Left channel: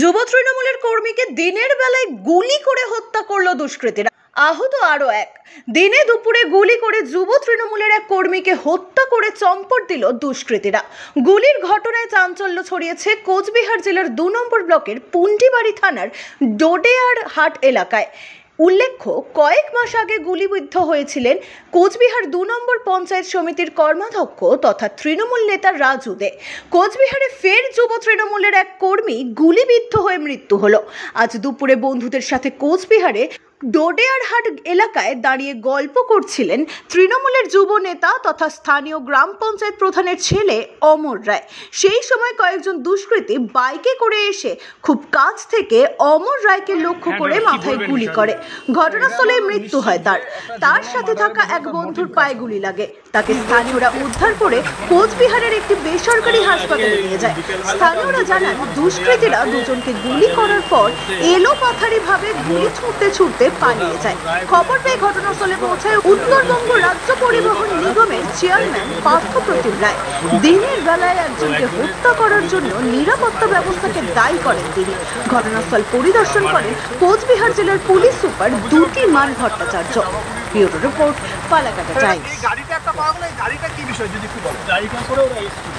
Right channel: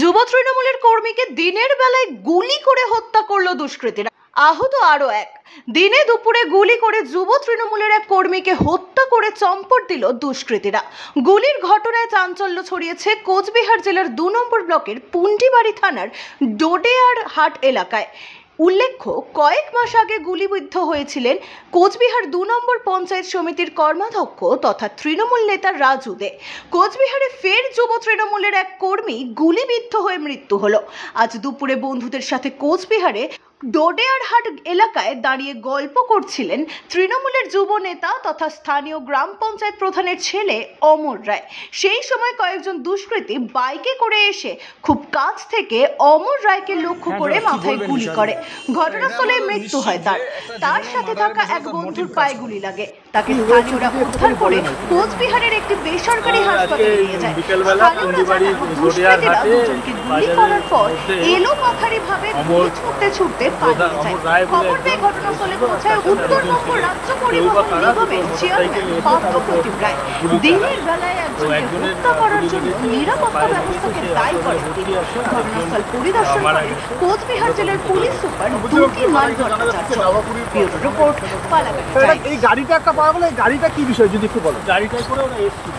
যুব তৃণমূলের কর্মীকে দিনের বেলায় গুলি করে হত্যা করল দুষ্কৃতীরা। আহত আরো এক। দিনে দুপুরে গুলি করে যুব তৃণমূলের এক কর্মীকে হত্যা করে চম্পট দিল দুষ্কৃতীরা। গুলির ঘটনায় চাঞ্চল্য ছড়িয়েছে কোচবিহার জেলার ২ নম্বর ব্লকের পুন্ডিবাড়ি থানার ডোডেয়ার হাট এলাকায়। উল্লেখ্য, কয়েক মাস আগে গুলিবিদ্ধ হয়েছিলেন কোচবিহার ২ নম্বর পঞ্চায়েত সমিতির কর্মাধ্যক্ষ তথা তৃণমূল নেতা রাজু দে। কোচবিহারে ফের যুব তৃণমূলের এক কর্মী গুলিবিদ্ধ হয়ে মৃত্যু হলো। আজ দুপুরে বন্ধুদের সাথে কোচবিহারে ডোডেয়ারহাট এলাকায় দাঁড়িয়ে গল্প করছিলেন তৃণমূলের যুব নেতা তথা স্থানীয় গ্রাম পঞ্চায়েত প্রধানের ছেলে অমর রায়। সেই সময় কয়েকজন দুষ্কৃতী বাইকে করে এসে খুব কাছ থেকে অমর রায়কে লক্ষ্য করে মাথায় গুলি করে। ঘটনাস্থলে মৃত্যু হয় তার সাথে থাকা এক বন্ধুর পায়ে গুলি লাগে। তাকে স্থানীয়রা উদ্ধার করে কোচবিহারের একটি বেসরকারি হাসপাতালে নিয়ে যায়। স্থানীয়রা জানান, দুষ্কৃতীরা দুজনকে গুলি করার পর এলোপাথারি ভাবে গুলি ছুটতে ছুটতে পালিয়ে যায়। খবর পেয়ে ঘটনাস্থলে পৌঁছায় উত্তরবঙ্গ রাজ্য পরিবহন নিগমের চেয়ারম্যান পার্থপ্রতিম রায়। দিনের বেলায় একজনকে হত্যা করার জন্য নিরাপত্তা ব্যবস্থাকে দায়ী করেন তিনি। ঘটনাস্থল পরিদর্শন করেন কোচবিহার জেলার পুলিশ সুপার দুটি মান Bhattacharya. Bureau report, Falakata Times. এই গাড়িটা একটা পাওয়া গেল, এই গাড়িটা কি বিষয় যদি একটু বলো। গাড়িটা করে ওরা এসেছিল।